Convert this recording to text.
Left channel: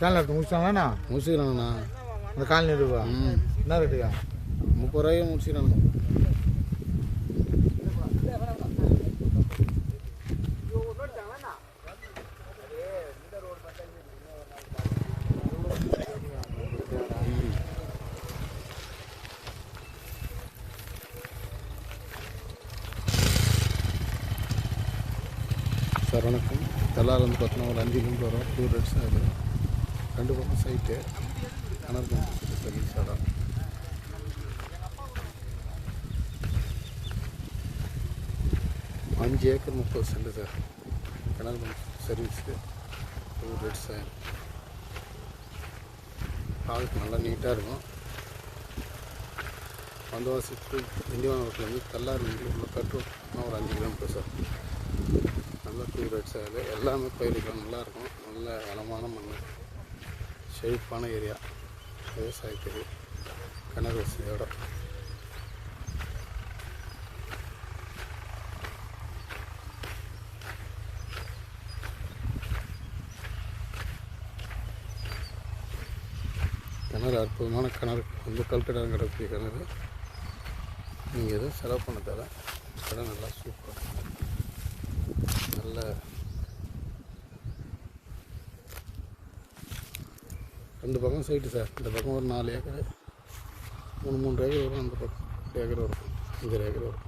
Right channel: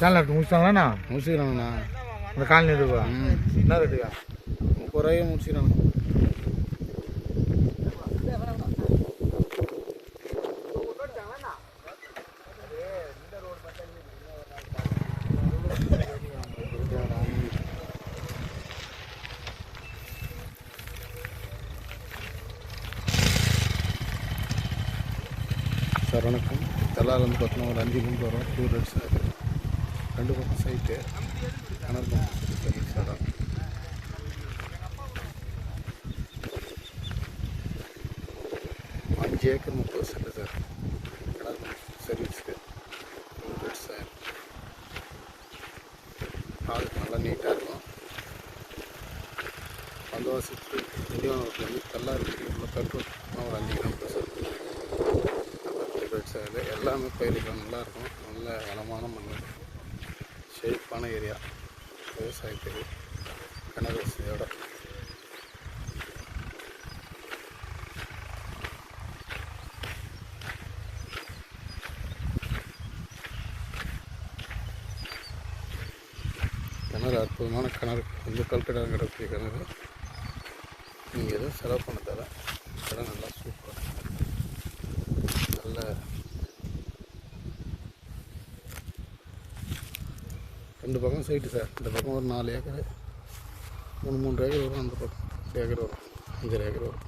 Channel எடுத்து முடிச்சாங்கண்ணா? முடிச்சுக்கிறாங்கண்ணா. இந்த colony இருக்குவா? என்ன ரேட்டுக்கா? 30 ரூபாய்க்கு முடிச்சுக்கிறாங்க. சார் வணக்கம். தெல்லாலேருந்து பார்த்தோன்னா ஒரு 5 கிலோமீட்டர் வரும். 2 டேஸ் ஆகுது. 2 பக்கம் சைட்டு கிணறு பம்பு சர்வீஸ் இடம். அஞ்சு ஏக்கர் 30 சென்ட் சார். கிணறு பம்பு சர்வீஸுக்கு 2 டேஸ் ஆகுது. ஆளுக்கு நல்லா நீட்டாக இருக்கும். வந்தவாசத்துக்கு திண்டிவனத்துலேருந்து தெல்லாறுலேருந்து உள்ள பெட்ரோல் ஒரு 5 கிலோமீட்டர் சார். நல்லா 2 டேஸ் ஆகுது. எல்லாமே பயிரிக்கலாம் நல்லாயிருக்கும். நல்ல வளமான மண், செழிப்பான ஏரியா, விவசாயத்துக்கு கிணறு வசதியோட. கிணறு அற்புதமான கிணறு. வந்து கல்கடாக கிடக்கூடிய கிணறு. நீங்கள் எதுவும் செலவு பண்ண தேவை. இடம் நல்லா சூப்பர். நல்ல 2 பக்கம் சைட்டு சார். இந்த பக்கம் ஒரு 4 ஏக்கர், 3 ஏக்கர் வரும். அந்த பக்கம் 10 ஏக்கர் வரும், 5 ஏக்கர் வரும்.